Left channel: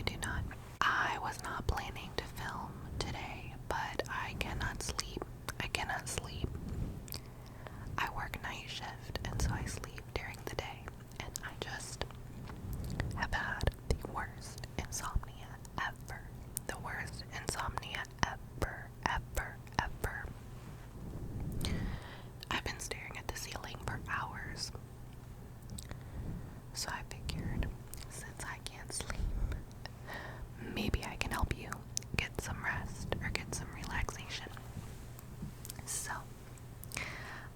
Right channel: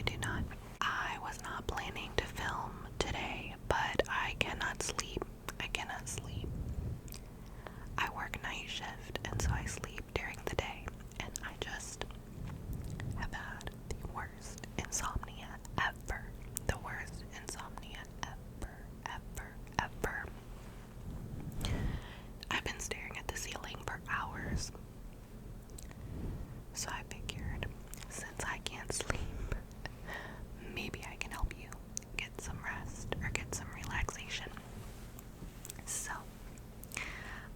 you do not. I was not planning to film today, but I cannot sleep. I cannot sleep. I work night shift, and so I sleep during the day, and I just have had the worst insomnia ever. The worst insomnia ever, ever, ever. I've been staring at the ceiling for hours. So I figured, since I can't sleep, maybe I can help you get some rest or get some relaxation. So,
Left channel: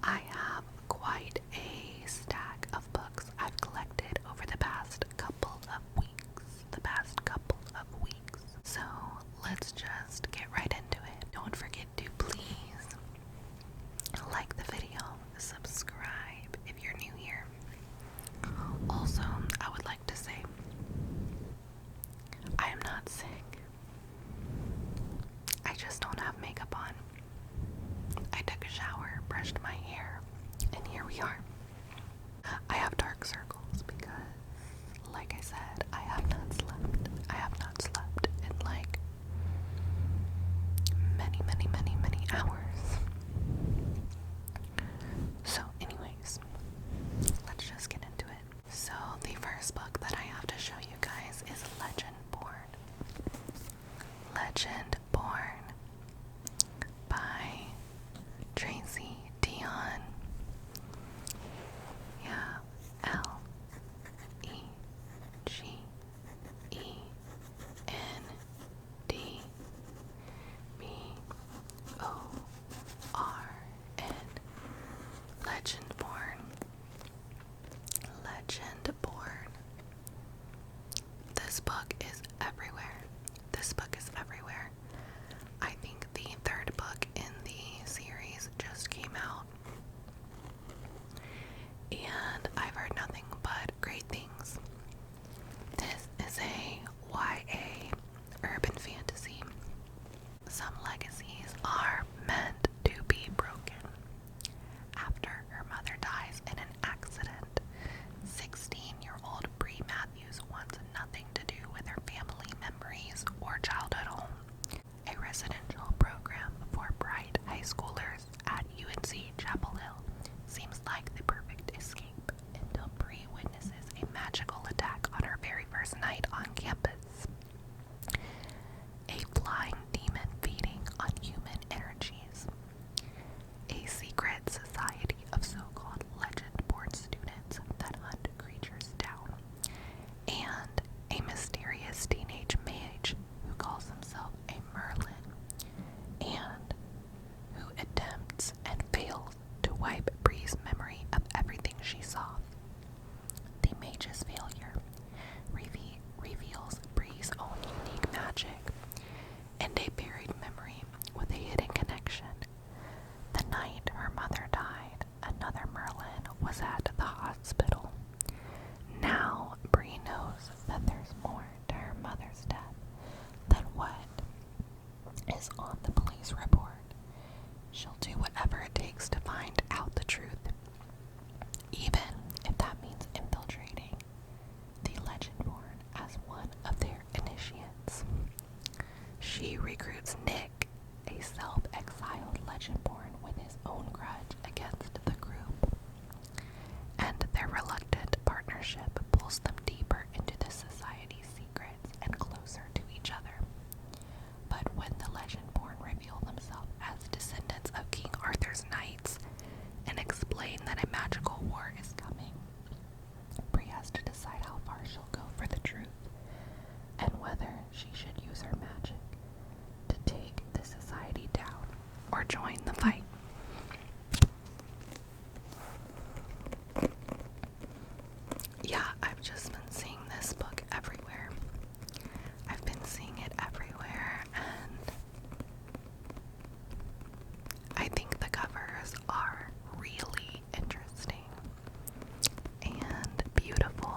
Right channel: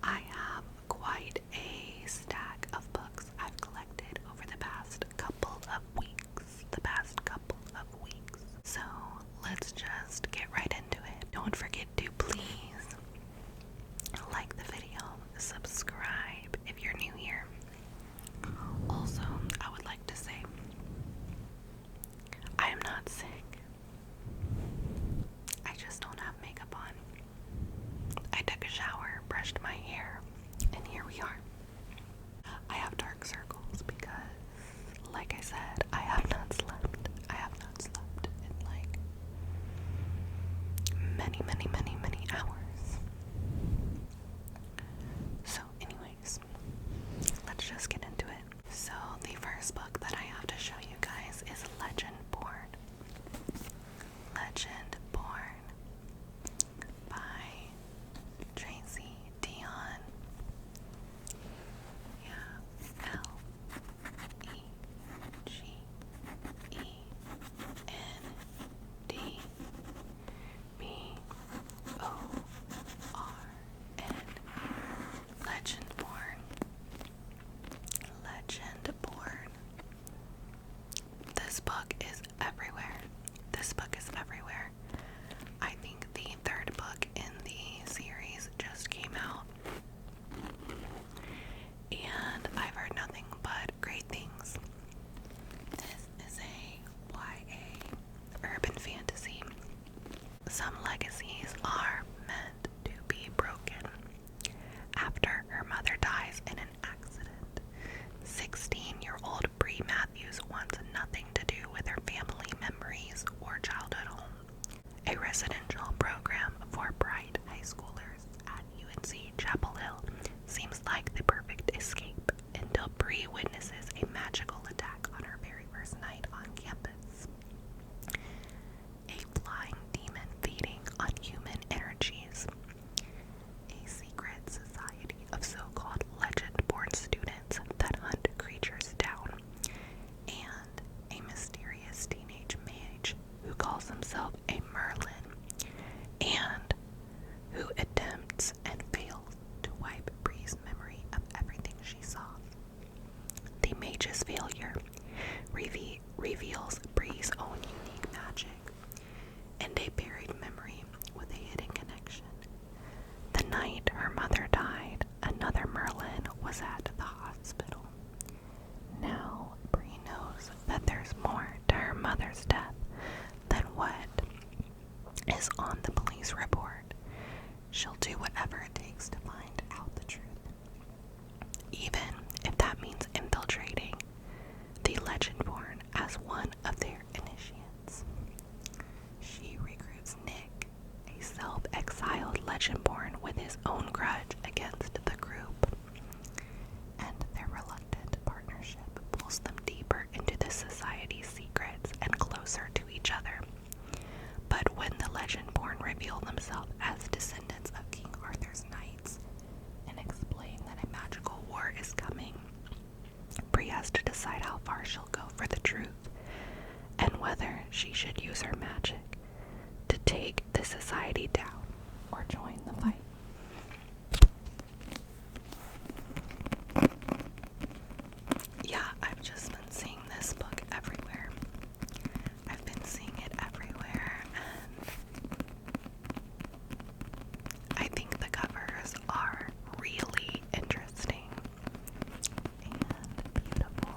I have quite a stack of books I've collected over the past couple of weeks. So, let's just get right into it. Don't forget to please like the video, subscribe if you're new here. Also, I would like to say, I am not sick. I just don't have makeup on. I took a shower, brushed my hair, and here we are. I have dark circles because, like I said, I have not slept. I have not slept in like many hours. So anyways, let's just get into it. So the first book that I have to show you guys is Legendborn. Legendborn by Tracy Dion. Yeah, Legendborn. Legendborn. Legendborn. This book is everywhere. This book is everywhere. I think the third book in the series just came out, and I've heard nothing but great things. This is a YA urban fantasy. Some legacies are meant to be broken. After her mother dies in an accident, 16-year-old Bree Matthews wants nothing to do with her family memories or childhood home. A residential program for bright high schoolers at UNC Chapel Hill seems like the perfect escape until Bree witnesses a magical attack on her very first night on campus. A flying demon feeding on human energies. A secret society of so-called Legendborn students that hunt creatures down. And a mysterious teenage mage who calls himself a Merlin, and who attempts and fails to wipe Bree's memory of everything she saw. The mage's failure reveals Bree's own unique magic, and a buried memory with a hidden connection. The night her mother died, another Merlin was at the hospital. Now Bree knows that there's more to her mother's death than what is on the police report. She'll do whatever it takes to find out the truth, even if that means infiltrating the Legendborn as one of their initiates. She recruits Nick, a self-exiled Legendborn with his own grudge against the group, and their reluctant partnership pulls them deeper into the society's secrets and closer to each other. But when the Legendborn reveal themselves as descendants of King Arthur's knights and explain that a magical war is coming, Bree has to decide how far she'll go for the truth, and whether she should use her magic to take the society down or join the fight. Yeah, I've just been seeing this book everywhere. I've been seeing it everywhere, and I think the covers are really interesting and beautiful.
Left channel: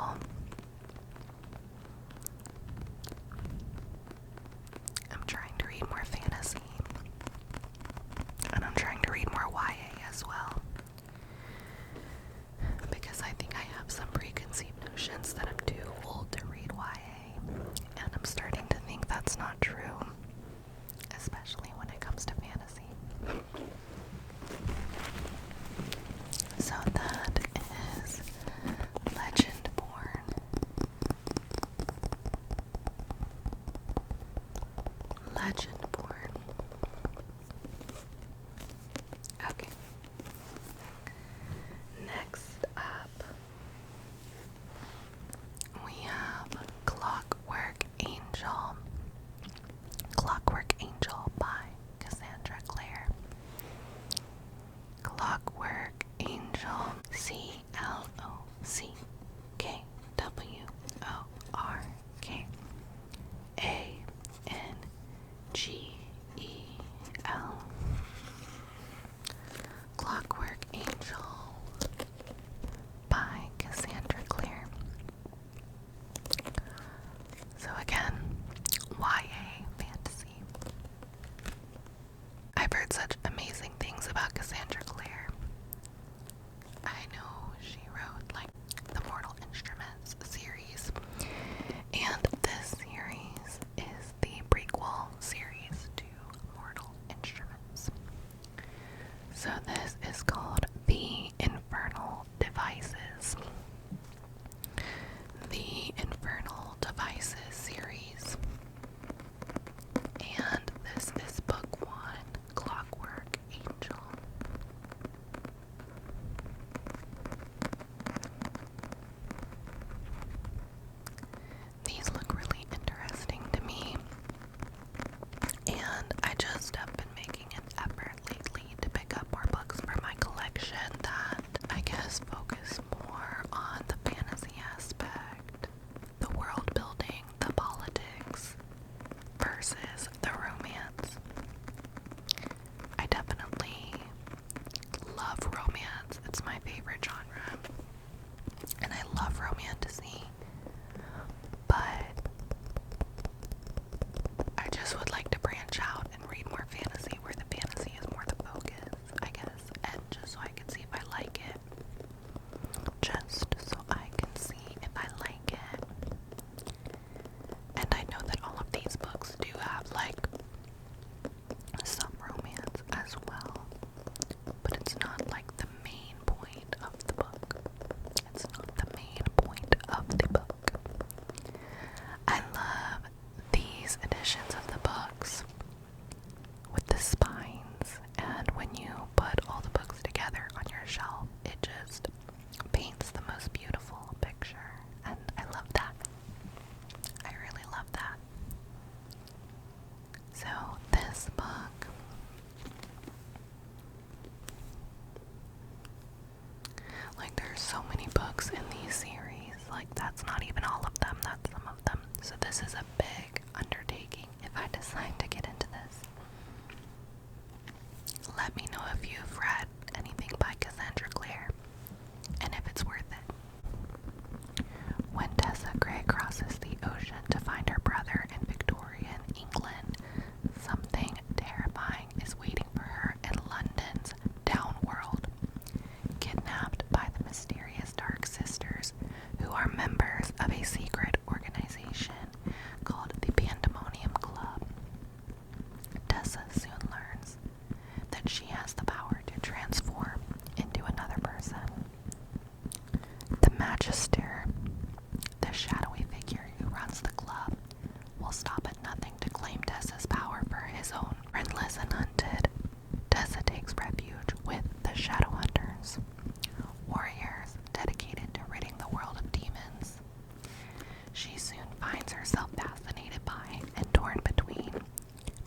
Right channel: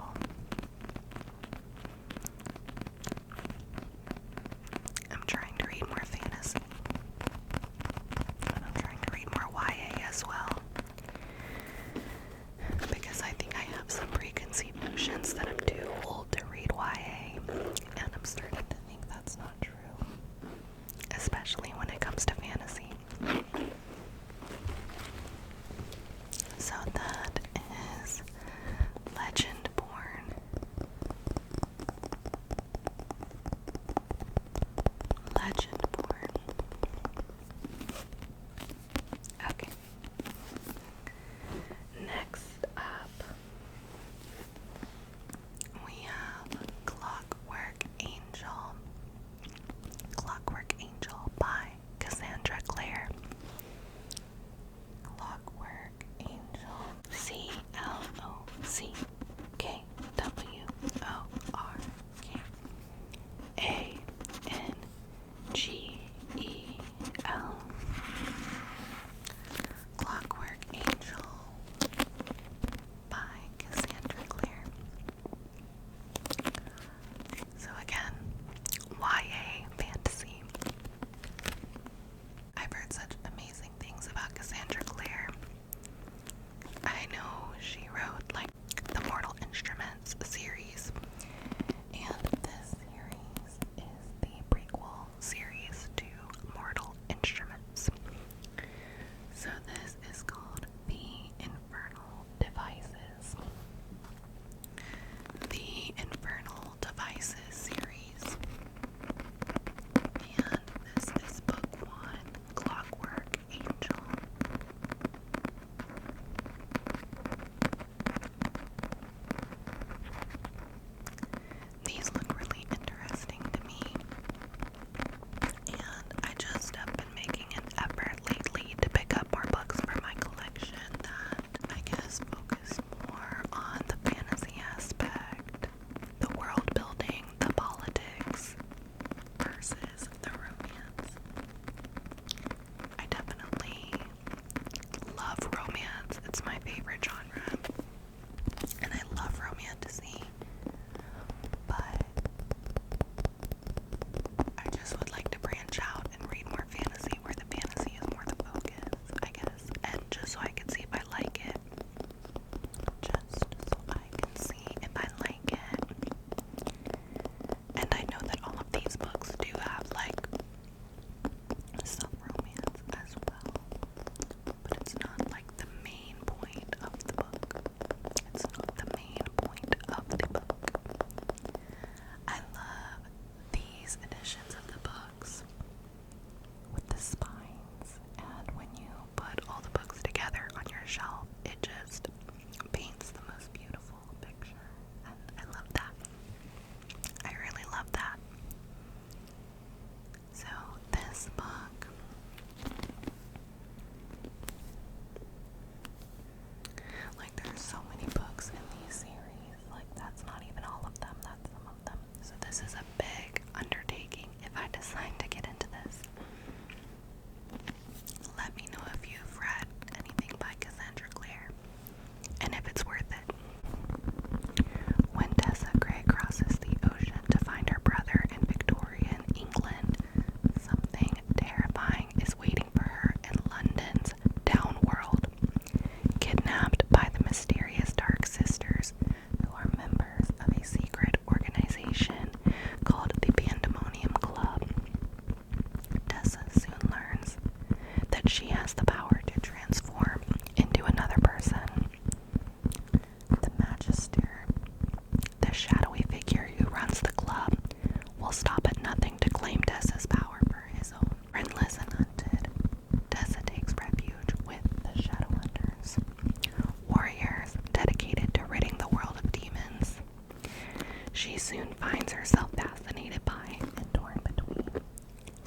finds herself fascinated by and torn between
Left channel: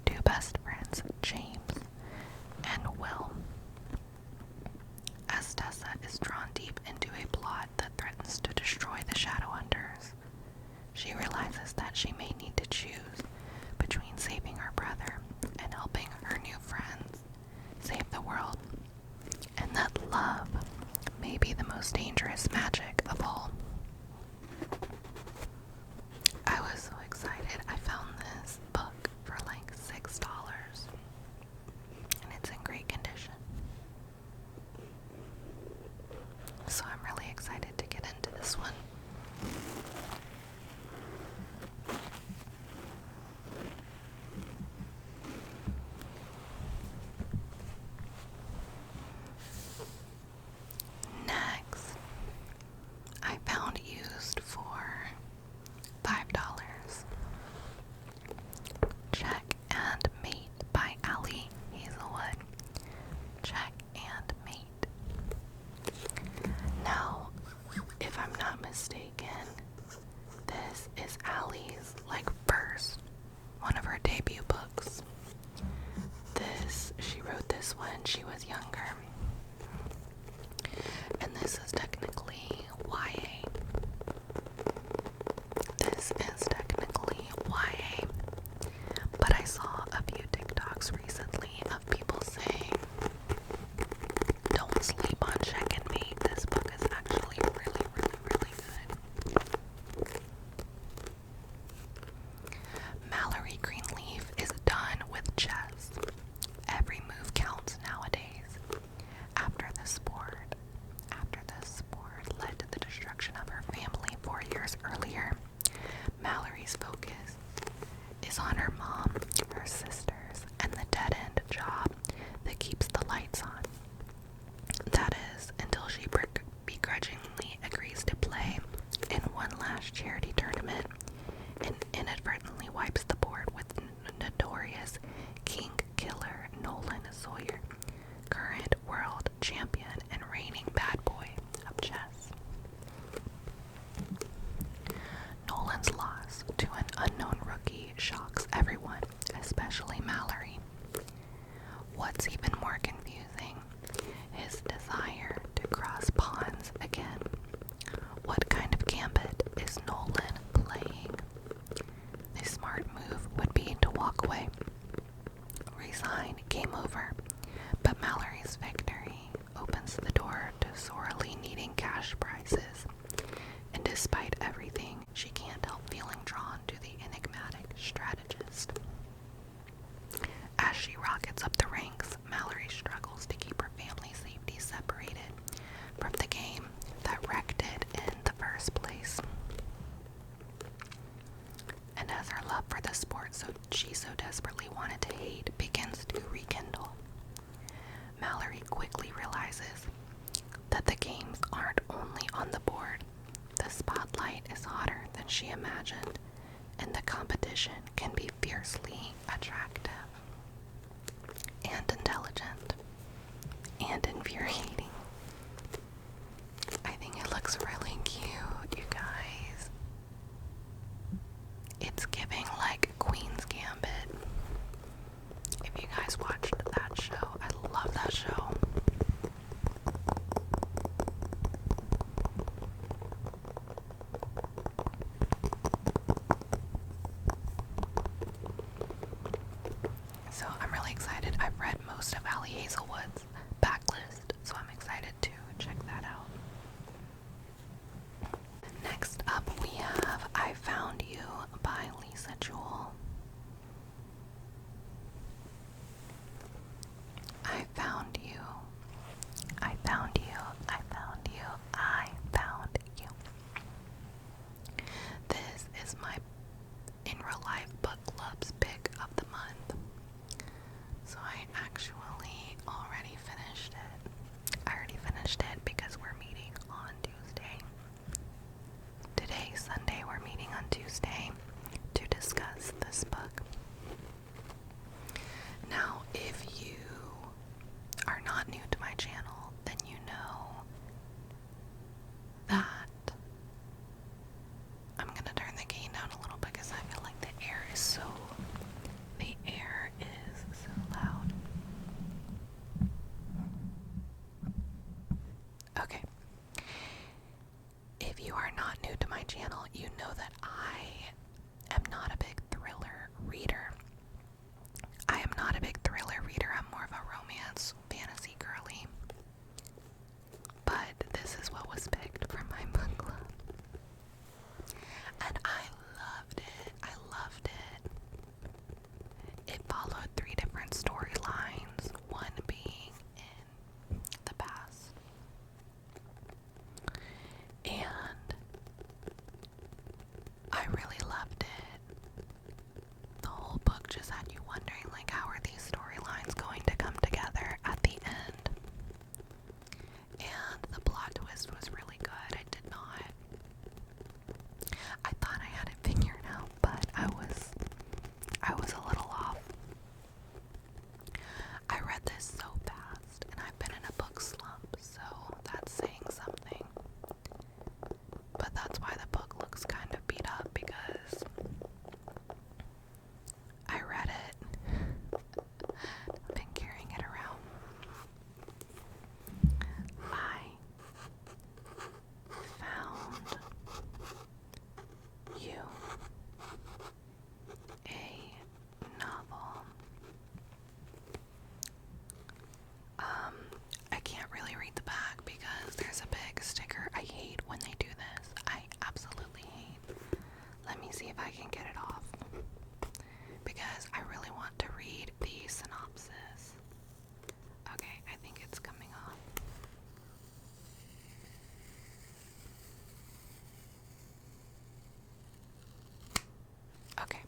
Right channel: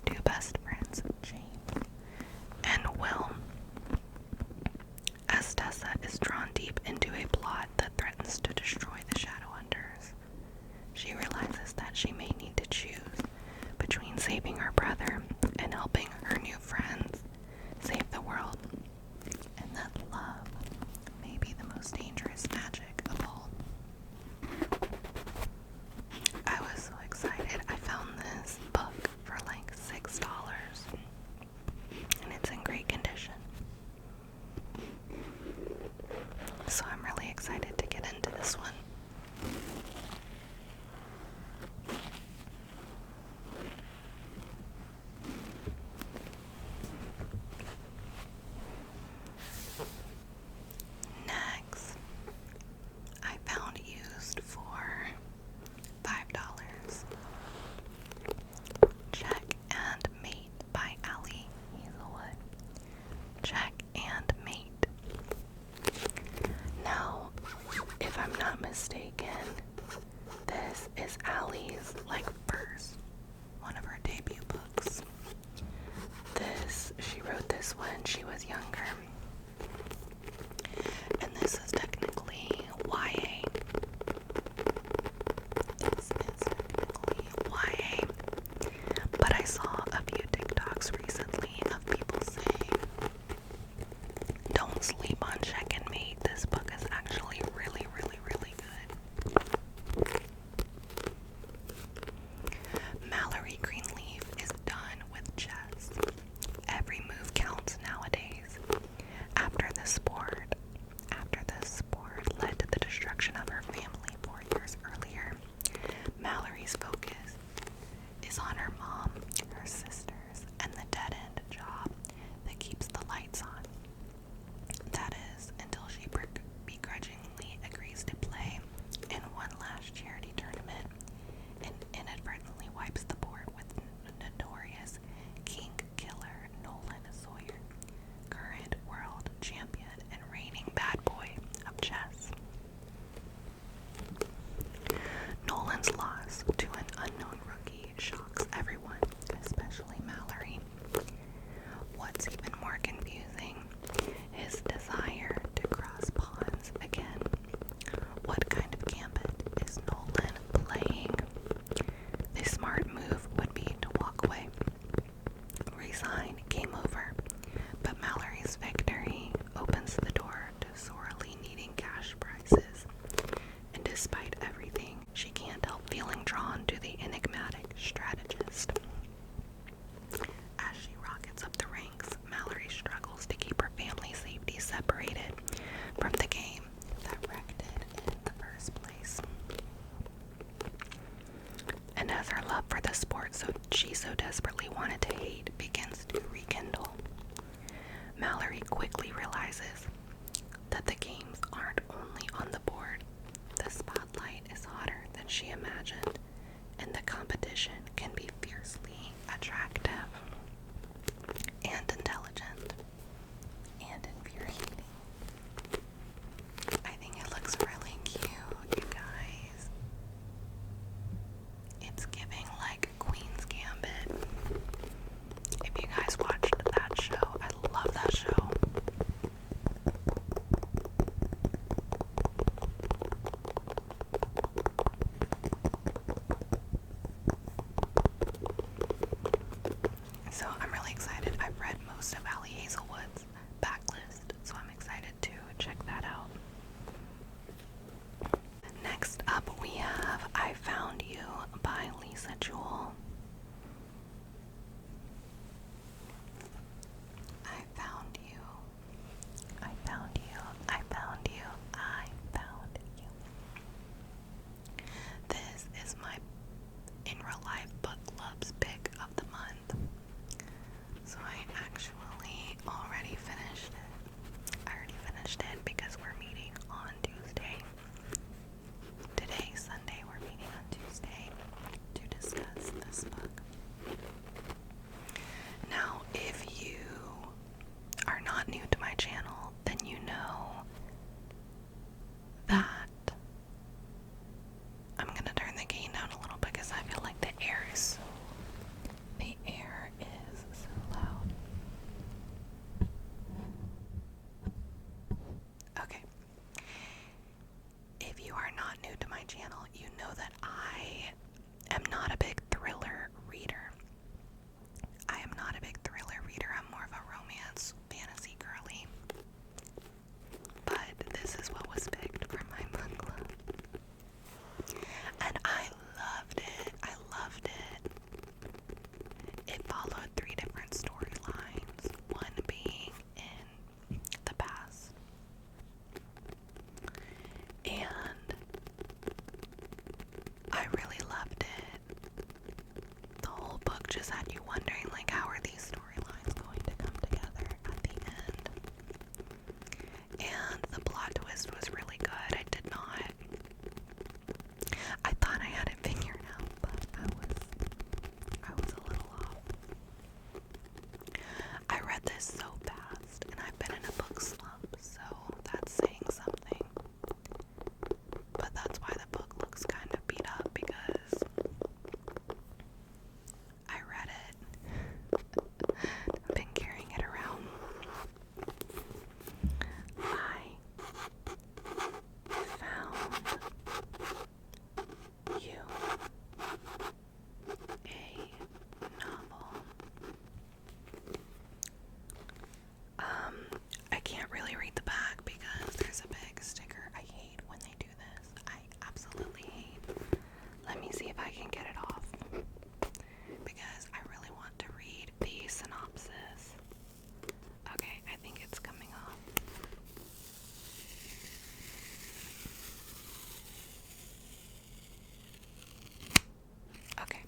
two best friends, James and Will. As Tessa is drawn deep into a plot that threatens to destroy the Shadowhunters, she realizes that she may need to choose between saving her brother and helping her new friends save the world, and that love may be the most dangerous magic of all. I was so excited. I found this book for like $6, and it's in great condition. So I'm really excited to get into this one. Next, I found used for $5. Check and Mate by Hazelwood. Check and Mate. Now, if I'm not mistaken, this is Allie's first one of her debut books. She wrote this when she was younger. And this is technically YA. But I saw a few TikToks recently of people saying, don't sleep on Check and Mate. This book is actually really, really, really good. Mallory Greenleaf is done with chess. Every move counts nowadays. After the sport led to the destruction of her family 4 years earlier, Mallory's focus is on her mom, her sisters, and the dead-end job that keeps the lights on. That is, until she begrudgingly agrees to play in one last charity tournament and inadvertently wipes the board with notorious king killer Nolan Sawyer, current world champion and reigning bad boy of chess. Nolan's loss to an unknown rookie shocks everyone, especially Mallory. What's even more confusing, his desire to cross pawns again. What kind of gambit is Nolan playing? The smart move would be to walk away. Resign, game over. But Mallory's victory opens the door to sorely needing cash prizes. And despite everything, she can't help feeling drawn to the enigmatic strategist. As she rockets up the ranks, Mallory struggles to keep her family's safety separated from the game that wrecked it in the first place. And as her love for the sport she so desperately wanted to hate begins to rekindle, Mallory quickly realizes that the games aren't only on the board. The spotlight is hotter than she imagined, and the competition can be fiercely attractive and intelligent and infuriating. I think it looks really cute, you guys. It's giving like Queen's Gambit. If you guys watched that show, I love that show. So I'm really excited. I've read most of Hazelwood's backlist, so I'm excited to check that out. Next up we have I Found You by Jewell. I found you. I found you. I found you. I found you. This is my In Real Life Book Club's pick of the month. So I actually already finished it. I already finished it because we're meeting on Tuesday. Today, Sunday, we're meeting on Tuesday to discuss the new to my channel, you know that I am not a big thriller reader. I'm more of a romance, fantasy girly. But this is what was picked for my book club. And I loved it. It followed 3 different storylines, one being in the past. And I really loved it. The whole book just had you wondering, like, how are these storylines going to come together at the end? And the plot twist was really good. I thought I had it figured out, but I was a little off. I read this so fast, and I've been in a book slump, so that's saying something. But that's why the book looks kind of beat up, because I read it. I've been carrying it around. I found you a novel. I can't really read the back because there's a big sticker. I hate when they do this. I absolutely hate. Let me see if I can get it off, because I really want to read the synopsis. Okay, I think it's coming off. Okay.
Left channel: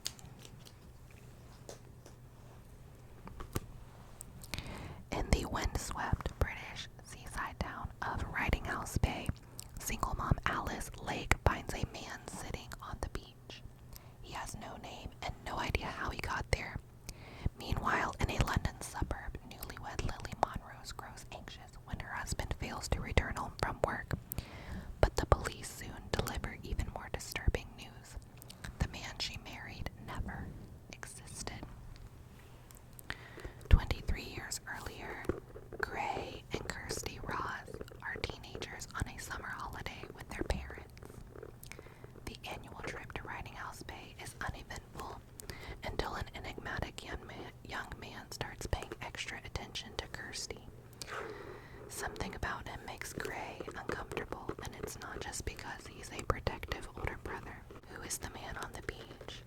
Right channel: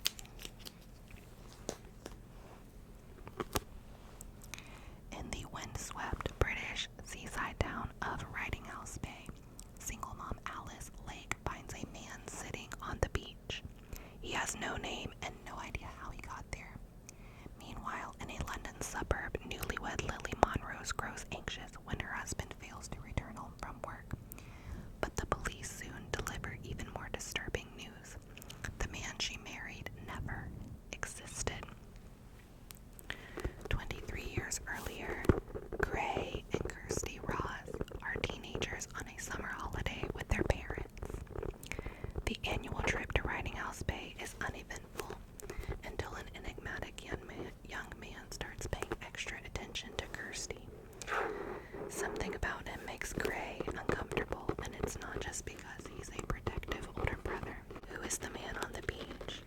In the windswept British seaside town of Riding House Bay, single mom Alice Lake finds a man sitting on the beach. He has no name and no idea how he got there. Meanwhile, in a London suburb, newlywed Lily Monrose grows anxious when her husband fails to return home from work. But the police soon deliver even more disturbing news. The man she married never existed. 23 years earlier, Gray and Kirsty Ross are teenagers on a summer holiday with their parents. The annual trip to Riding House Bay is uneventful until an enigmatic young man starts paying extra attention to Kirsty. Something about him makes Gray uncomfortable, and it's not just because he's a protective older brother. Who is the man on the beach?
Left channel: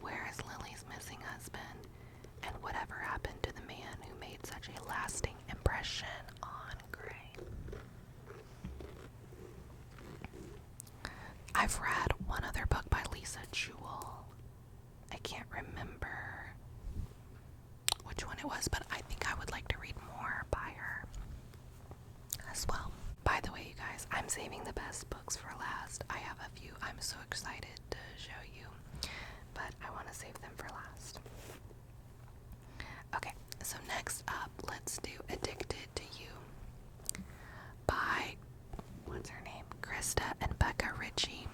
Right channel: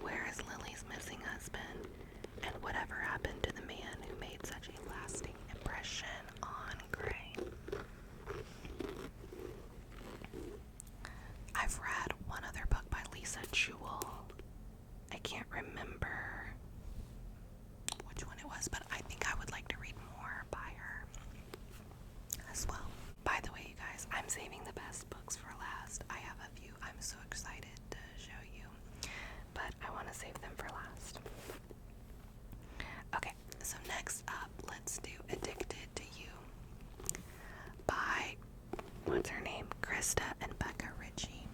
Where is Lily's missing husband? And whatever happened to the man who made such a lasting impression on Gray? I've read one other book by Jewell. I can't remember which one it was, but I think I would like to read more by her as well. By the way, you guys, I'm saving the best books for last. I have a few I'm so excited to show you, but I want to save them for last. Okay, so next up, let's do Addicted to You by, what's her name? Krista and Becca Richie.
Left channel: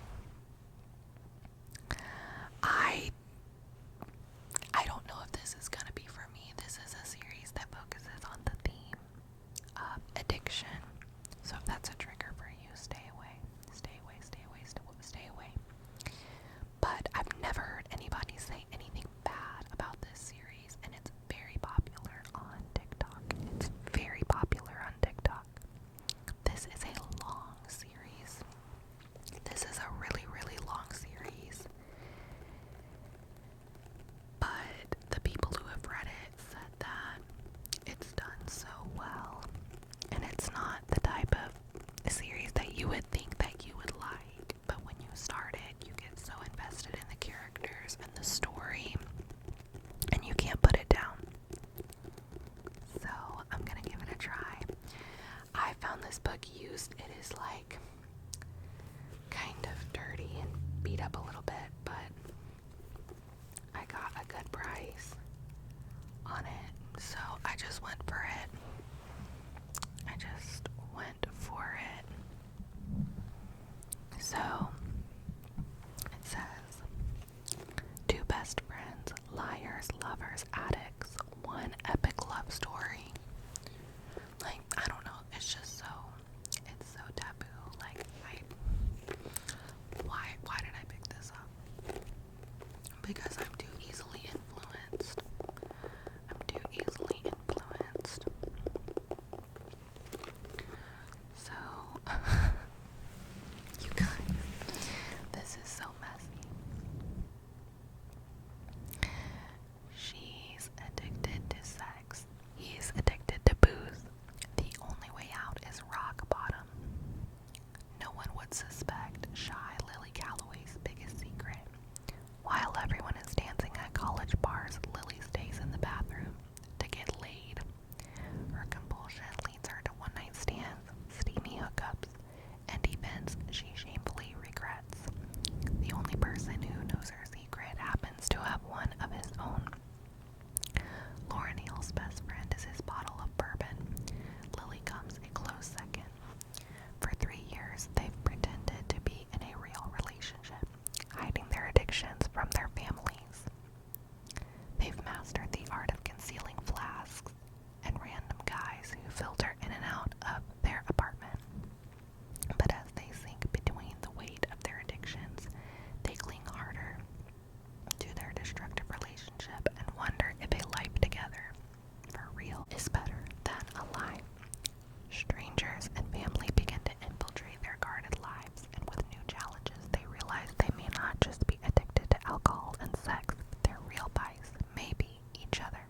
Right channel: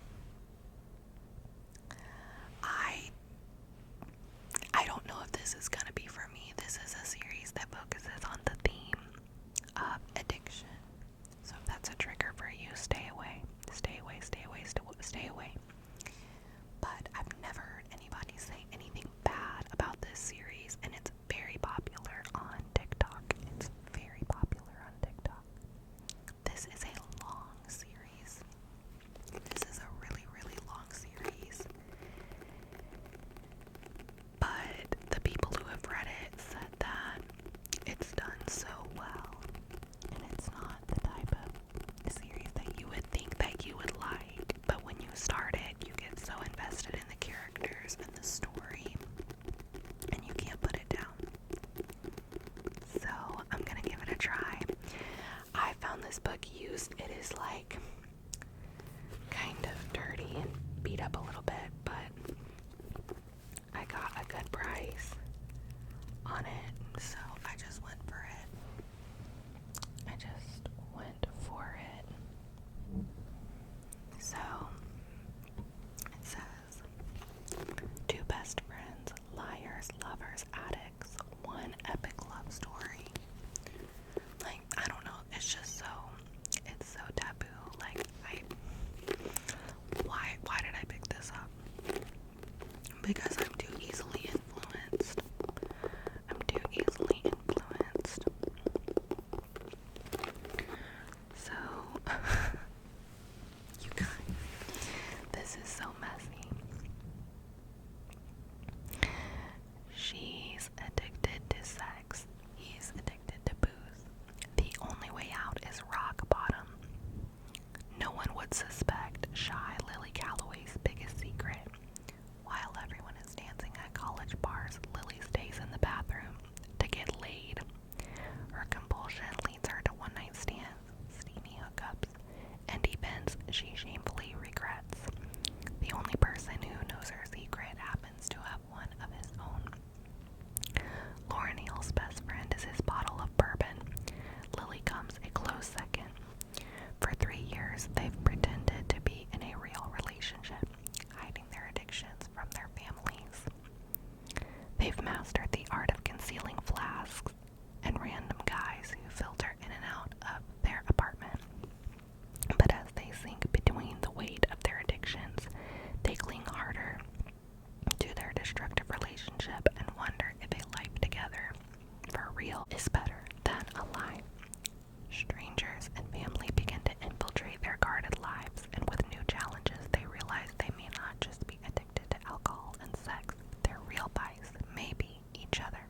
I don't know if this is gonna be for me. This is a series that focuses on the theme of addiction. So if that's a trigger for you, stay away. Stay away, stay away, stay away. But I've never heard anybody say anything bad about this series, and it's very popular on TikTok. It's very popular on TikTok. This is a long series. This is a really, really long series. But the people who have read it said that it's done so well, and it's not the type of series that you would think that you would like, but when you start it, you get so invested in the characters and the story, and you can't put it down. So I'm gonna give it a try. I found this book used. It is like kind of dirty and beat up a little bit, but I got a good price on it, so I just went for it. So it says, 2 best friends, liars, lovers, addicts, one epic love story. Like, I don't know, it's so taboo. Like, because I'm too easily influenced. I'm too easily influenced. So, you guys, this is so messy. She's addicted to sex. He's addicted to booze. The only way out is rock bottom. No one would suspect shy Lily Calloway's biggest secret. While everyone is dancing at college bars, Lily stays in the bathroom to get laid. Her compulsion leads her to one-night stands, steamy hookups, and events she shamefully regrets. The only person who knows her secret happens to have one of his own. Lauren Hale's best friend is his bottle of bourbon. Lily comes a close second. For 3 years, they've pretended to be in a real relationship, hiding their addictions from their families. They've mastered the art of concealing flasks and random guys who filter in and out of their apartment. But as they sink between the weight of their addictions, they cling harder to their destructive relationship and wonder if a life together, for real, is better than a lie. Strangers and family begin to infiltrate their guarded lives, and with new challenges, they realize they may not just be addicted to alcohol and sex, but their real vice may be each other.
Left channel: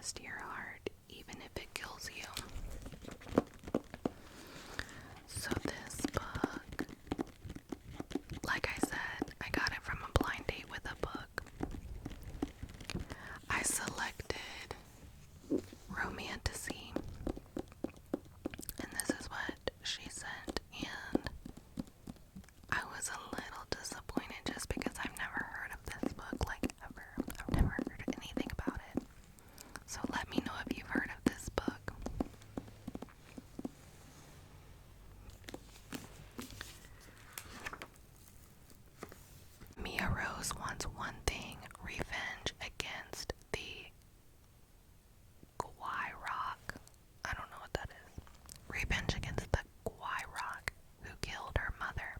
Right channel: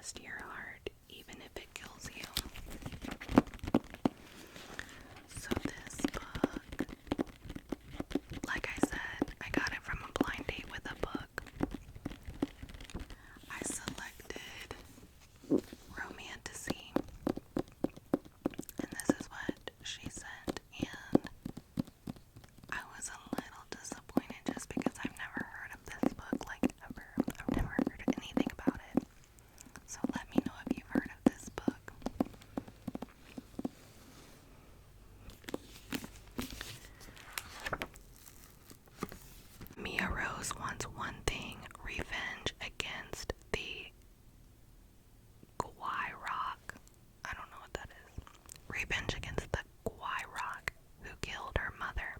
trust your heart, even if it kills you. So this book, like I said, I got it from a blind date with a book. I selected Romantasy, and this is what she sent, and I was a little disappointed just because I've never heard of this book, like ever. I've never heard anything about it. So let me know if you've heard of this book. Mia Rose wants one thing: revenge against the Clockwork. I don't know what that is. Revenge against the Clockwork who killed her mother.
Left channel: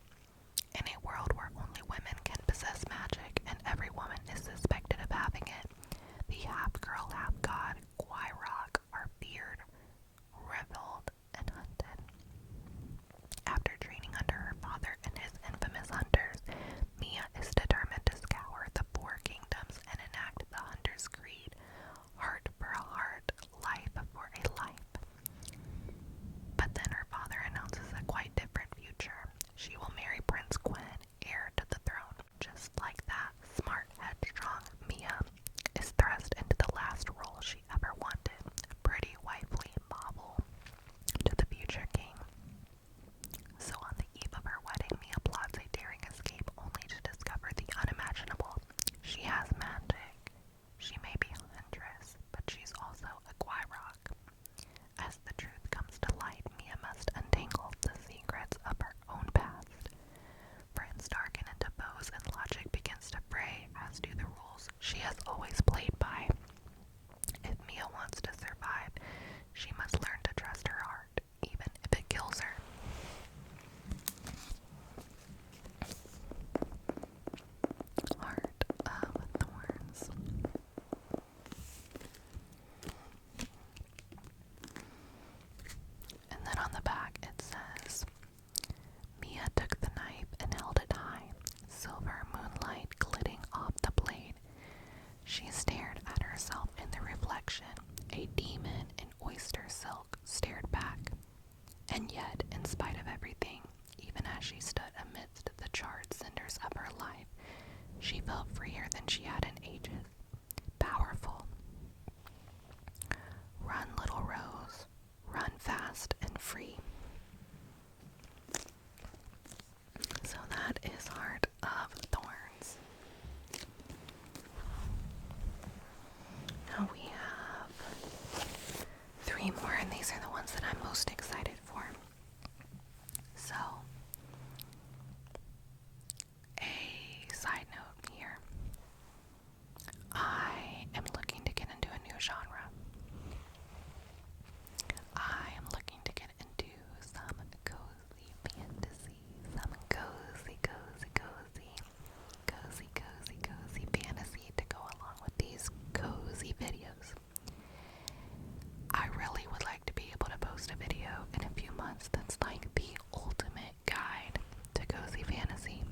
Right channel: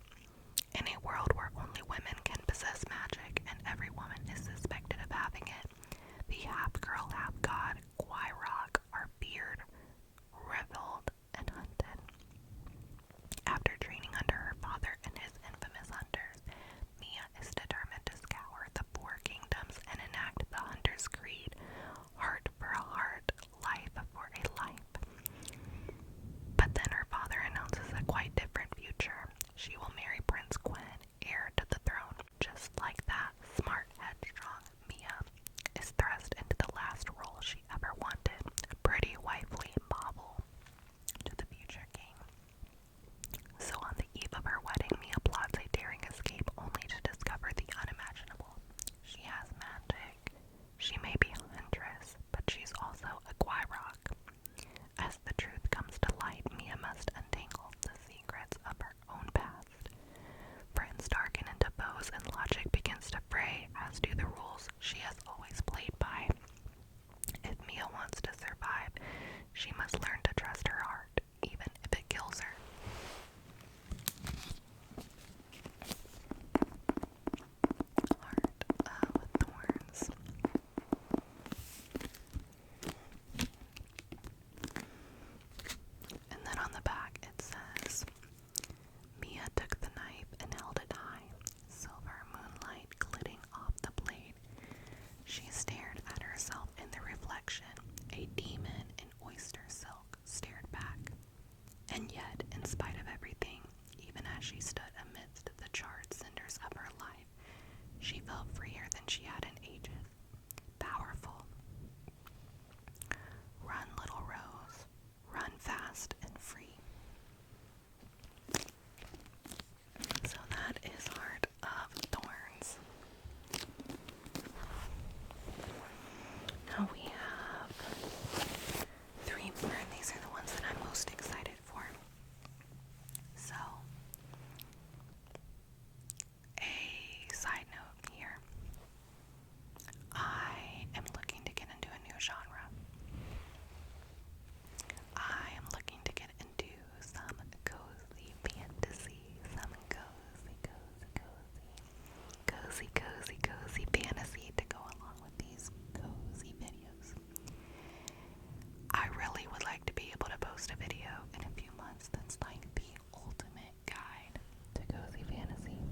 In a world where only women can possess magic and every woman is suspected of having it, the half-girl, half-god Clockwork are feared, reveled, and hunted. After training under her father and his infamous hunters, Mia is determined to scour the four kingdoms and enact the hunter's creed: heart for a heart, life for a life. But then her father announces a quite different future. She will marry Prince Quinn, heir to the throne. Just like that, smart, headstrong Mia is thrust into the last role she ever wanted: pretty, wifely bauble to the future king. So on the eve of her wedding, Mia plots a daring escape only to discover the unimaginable. She has magic. She may be a huntress, but she's also a Clockwork. As the truth comes to light, Mia must untangle the secrets of her own past. Friends darken into foes and logic begins to fray, as do the rules she has always played by. If Mia wants to survive, she must learn to trust her heart, even if it kills her. Heart of Thorns. And then on the back it says, Mia took the knife and held it high, silver moonlight glitting off the blade. She stared at herself in the reflection. A demon in oyster silk stared back. And yet, in spite of everything, even as she stood amidst the charred cinders of her life, she felt freer than she had in ages. Powerful. Run, little rose. Run fast and free. So that is Heart of Thorns. Now we have 3 more, and these are the ones that I'm most excited for. So, a side note here. I am looking to get into a new genre. I am looking to get into some cozy fantasy, some cozy fantasy to go along with these cozy videos. I really would like to be able to post a video in a few months that's like the ultimate guide to cozy fantasy.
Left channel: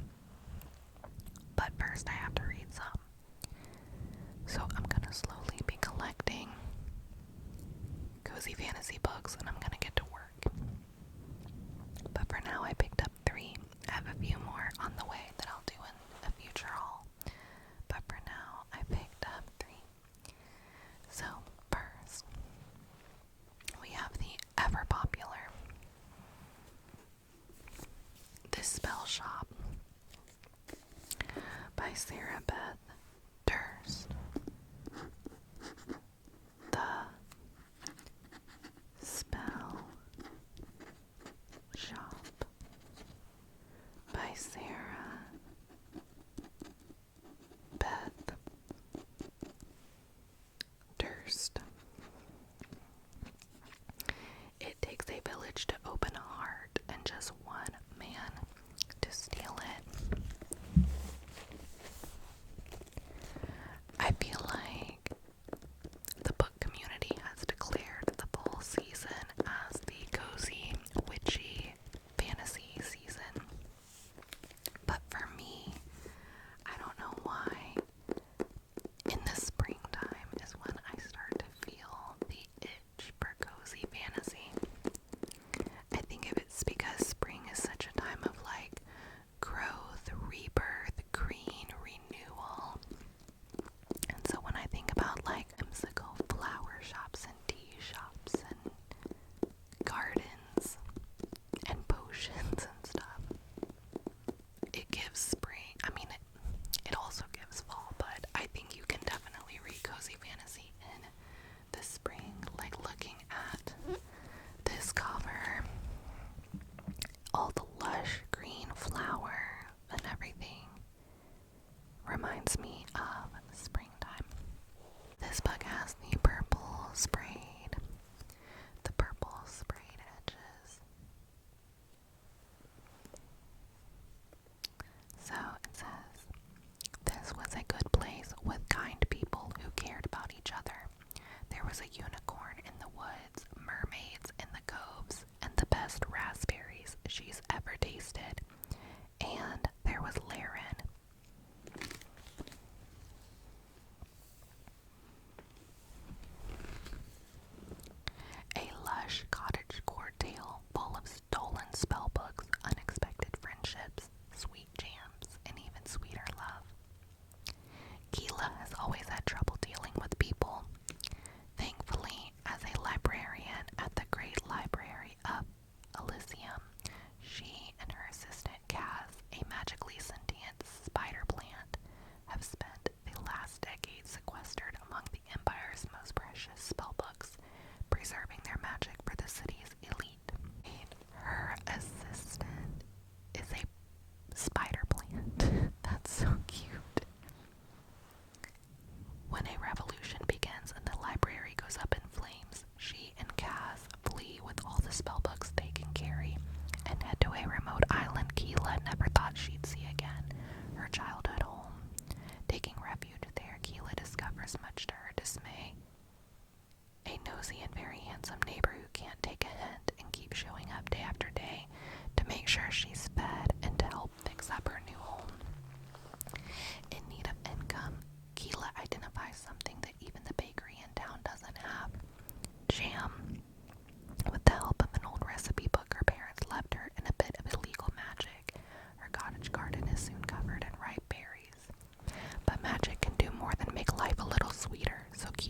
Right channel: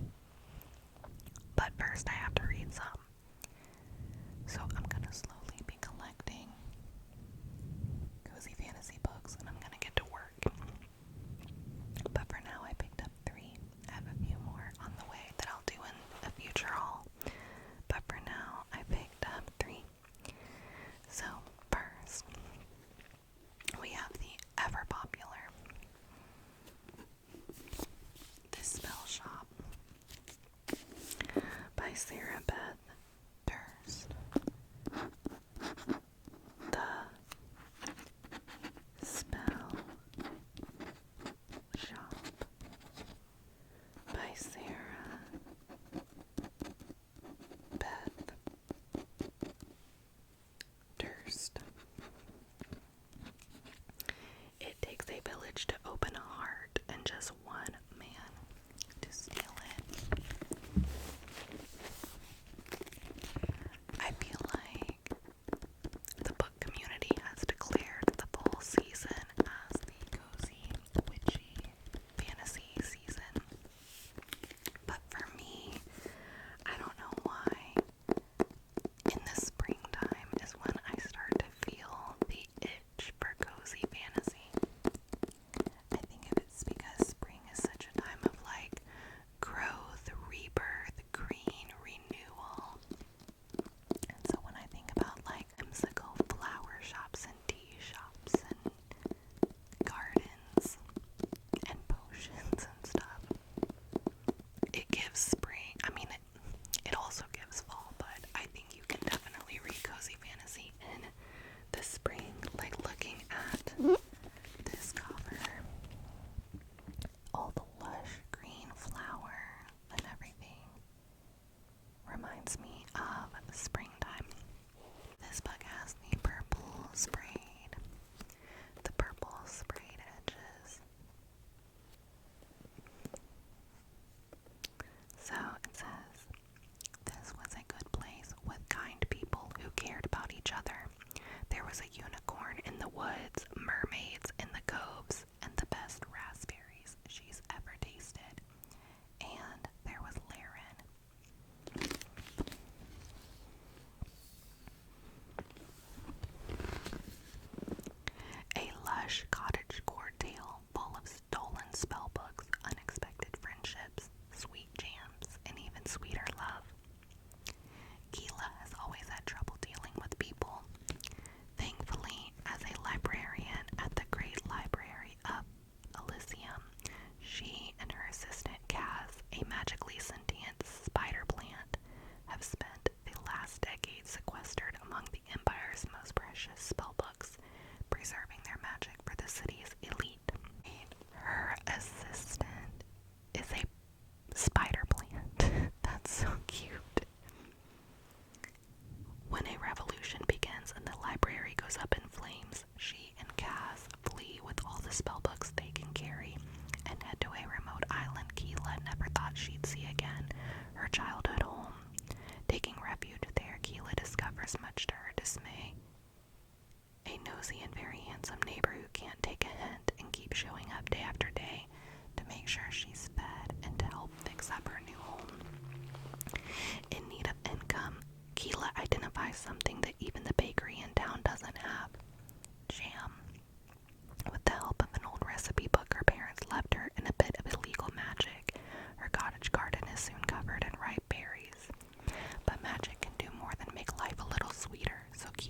But first I have to read some. So I'm gonna slowly be collecting cozy fantasy books and I'm gonna get to work. But for now I picked up 3. I have a few more on the way that I'll do in a future haul. But for now I picked up 3. So first we have the ever popular The Spellshop by Sarah Beth Durst. The Spellshop.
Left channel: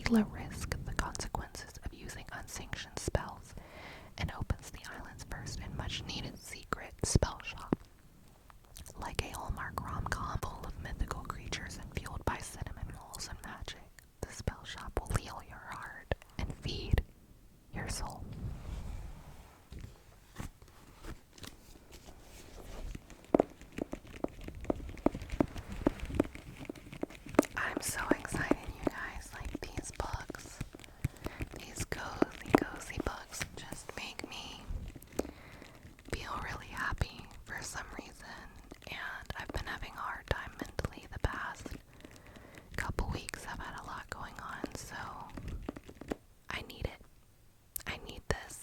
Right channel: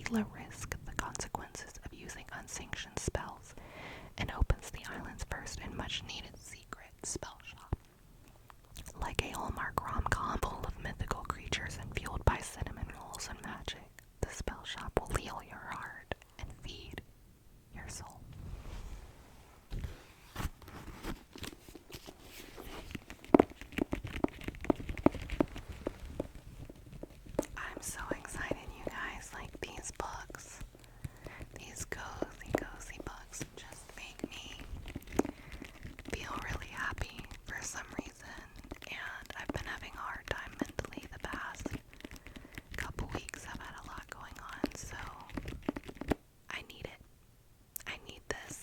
Layla risks the consequences of using unsanctioned spells and opens the island's first and much-needed secret spell shop. Like a Hallmark rom-com full of mythical creatures and fueled by cinnamon rolls and magic, the spell shop will heal your heart and feed your soul. I'm so excited, you guys. Like, these books, these cozy books just make me feel really happy for some reason, and I've been having a hard time mentally the past couple weeks. I've had a lot going on, so I need it. I need this.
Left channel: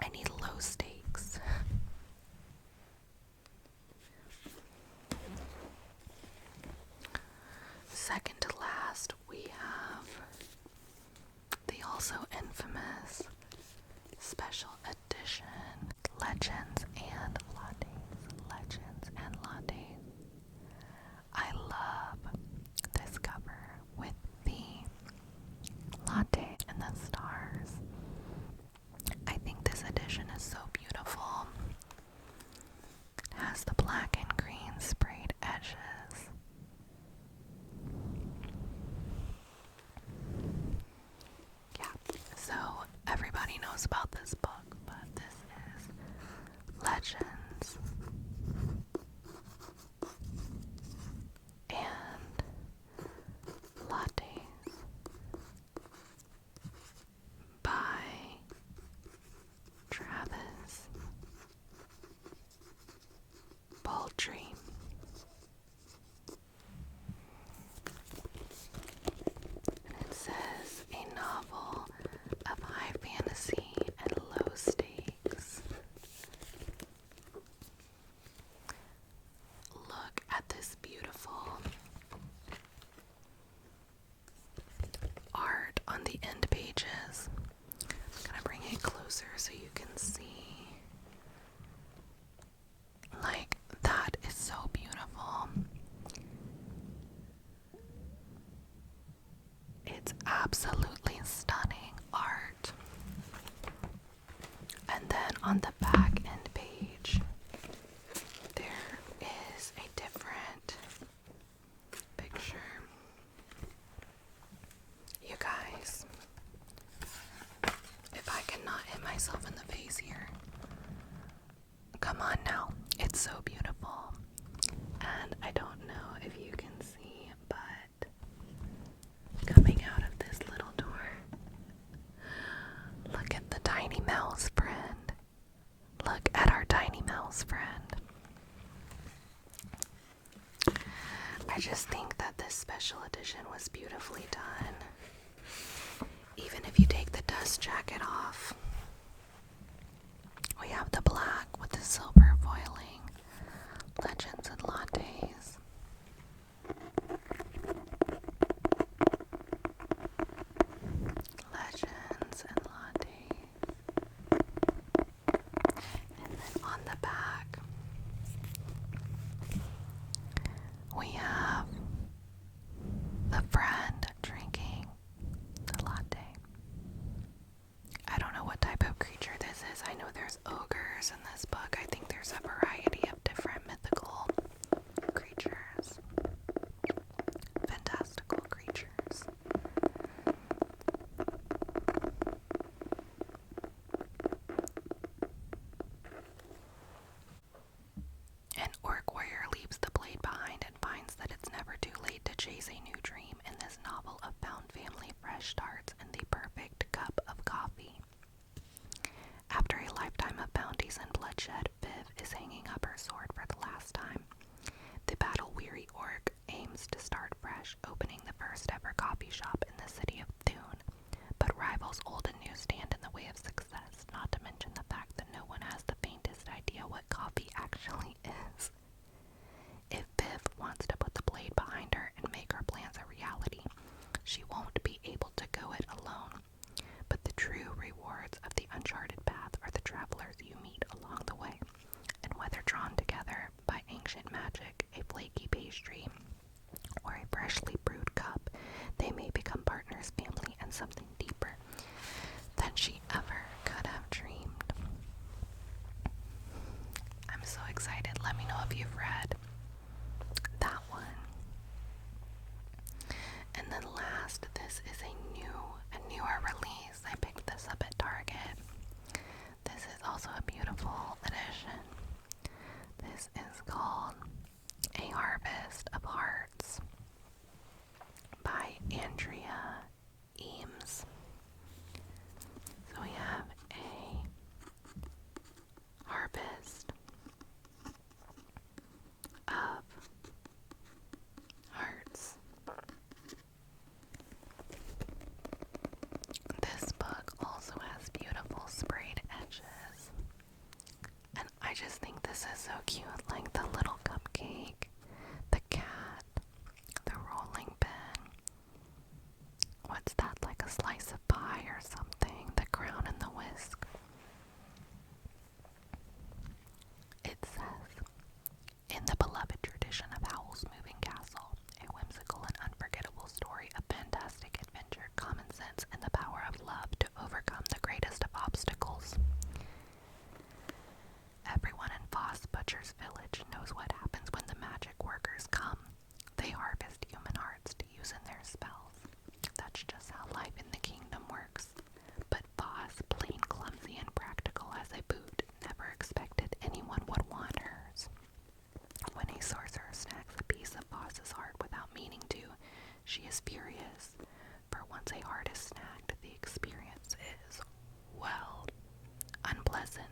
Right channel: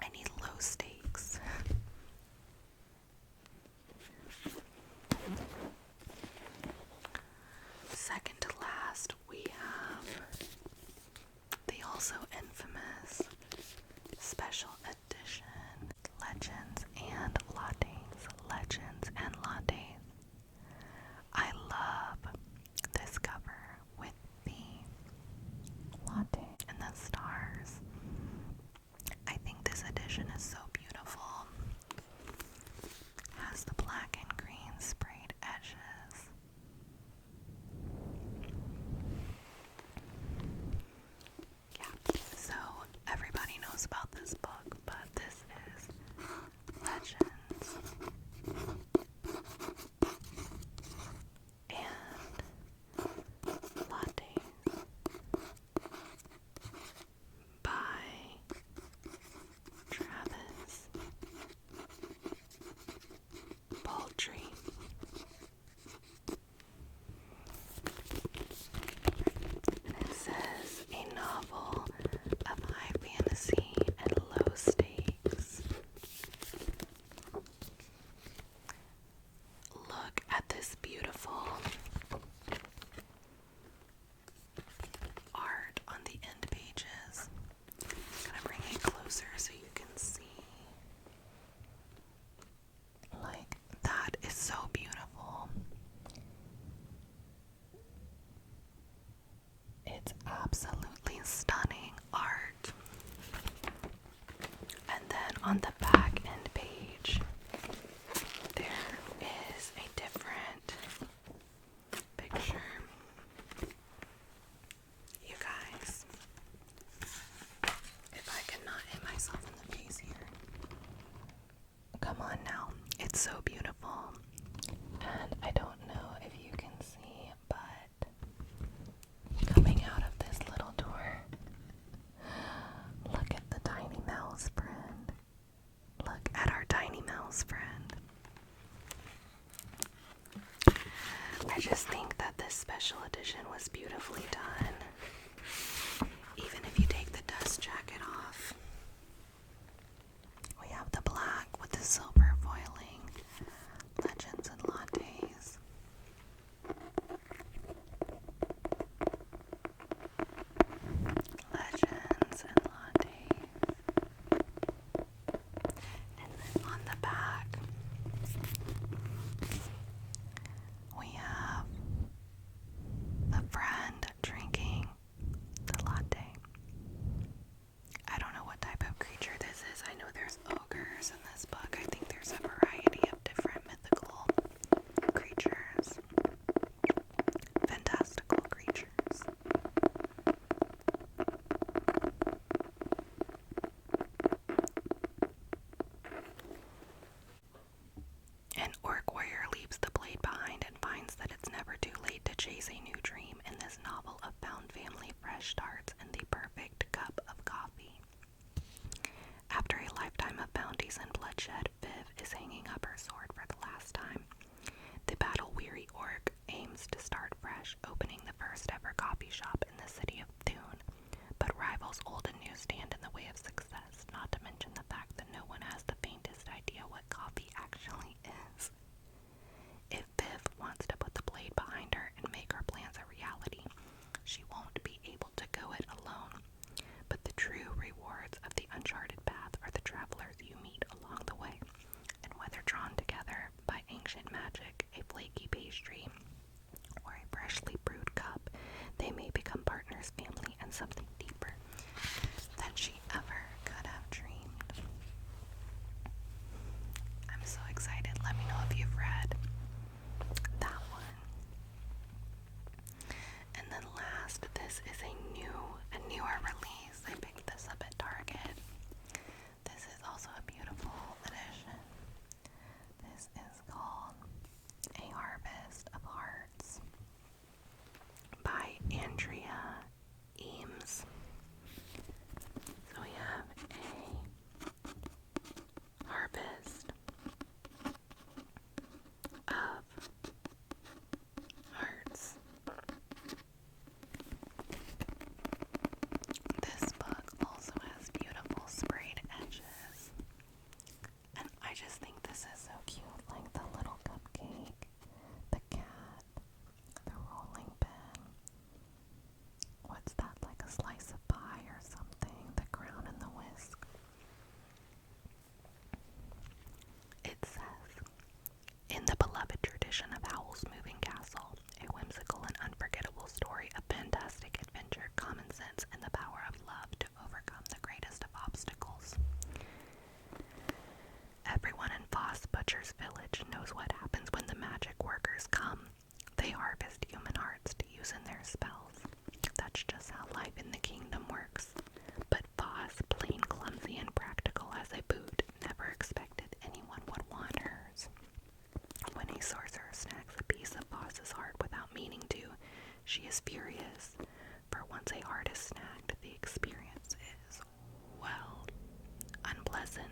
I need low stakes. Second to last, we have the also infamous special edition Legends and Lattes. Legends and Lattes. I love this cover with the latte and the stars. I think this edition is so beautiful. It has the black and green sprayed edges. Yeah, so everybody knows about this book, but this is Legends and Lattes by Travis Baldree. And it says a novel of high fantasy and low stakes. Look at this beautiful art on the end pages. I'm gonna bring it closer so you can see. Like, that is so beautiful. It's absolutely stunning art. And then on the back end page, there is a different picture. You guys, if I cannot hit myself in the face here. Come on now. It's so beautiful. And I don't know if you can see, but coming out of this little door, look at the tiny mouse friend. Look at our tiny mouse friend. I just think that this special edition was beautifully done. Even if you take the dust jacket off, we have the black with the silver foiling. Legends and Lattes. Legends and Lattes. And then on the back, we have the friend drinking the latte. I don't know what type of creature this is. I know there's ogres in this book. I think there's a variety of different mythical creatures. Fantastical creatures. An orc warrior leaves the blade behind and finds that it's never too late to chase a new dream in this novel of found family, fresh starts, and the perfect cup of coffee. After a lifetime of bounties and bloodshed, Viv is hanging up her sword for the last time. The battle-weary orc aims to start fresh, opening the first ever coffee shop in the city of Thune, but rivals old and new stand in the way of success, not to mention the fact that no one has the faintest idea what coffee actually is. If Viv wants to put the blade behind her and make her plans a reality, she won't be able to go it alone. But the true rewards of the uncharted path are the travelers you meet along the way, and whether drawn together by ancient magic, a flaky pastry, or a freshly brewed cup, they may become partners She is furious, for once a heart is snagged, the experience is, well, unpleasant.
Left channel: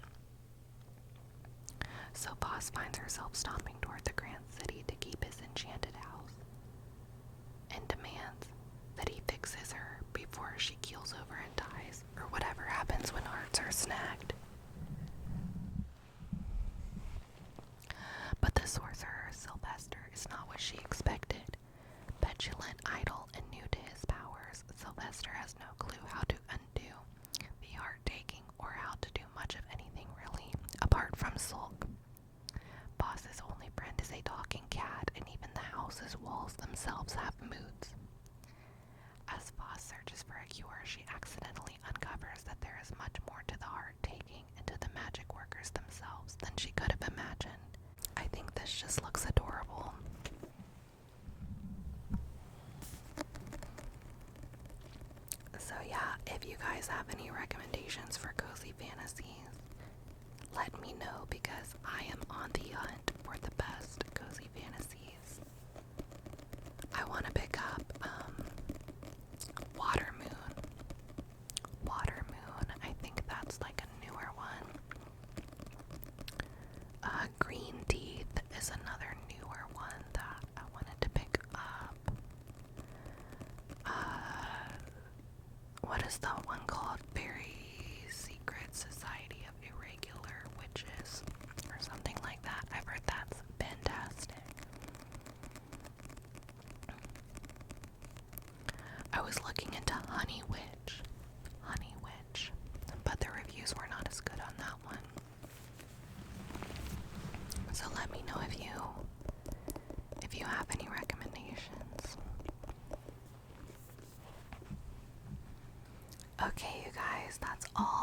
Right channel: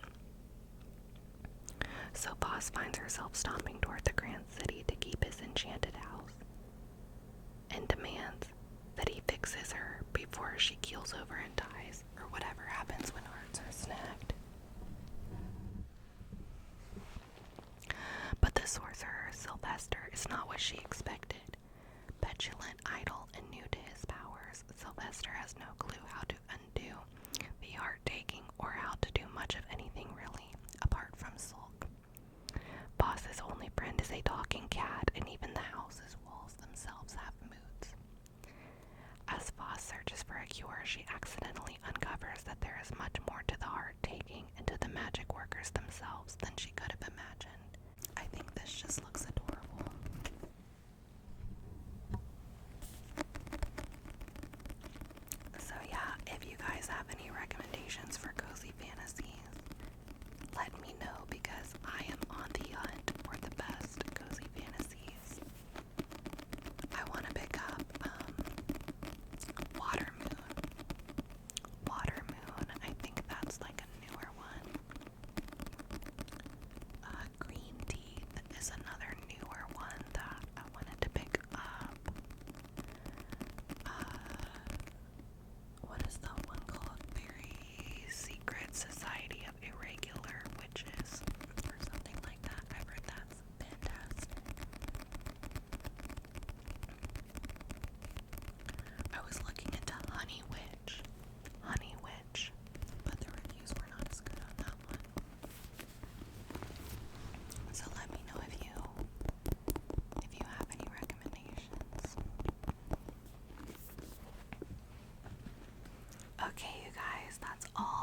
So Boss finds herself stomping toward the Grand City to keep his enchanted house, and demands that he fixes her before she keels over and dies, or whatever happens when hearts are snagged. But the sorcerer, Sylvester, is not what she expected. Petulant, idle, and new to his powers, Sylvester has no clue how to undo the heart-taking or how to do much of anything really, apart from sulk. Boss's only friend is a talking cat, and even the house's walls themselves have moods. As Boss searches for a cure, she accidentally uncovers that there is much more to the heart-taking and to the magic workers themselves than she could have imagined. I think this just looks adorable. So yeah, if you guys have any recommendations for cozy fantasies, let me know, because I am on the hunt for the best cozy fantasies. I want to pick up Water Moon. Water Moon, I think that's like a newer one. Green Teeth is another newer one that I wanted to pick up. What is that one called? Very Secret Society of Irregular Witches, or something like that. I've heard that's fantastic. I was looking into Honey Witch, but the reviews were not as good on that one. So let me know if you have any recommendations. Okay, you guys, that's all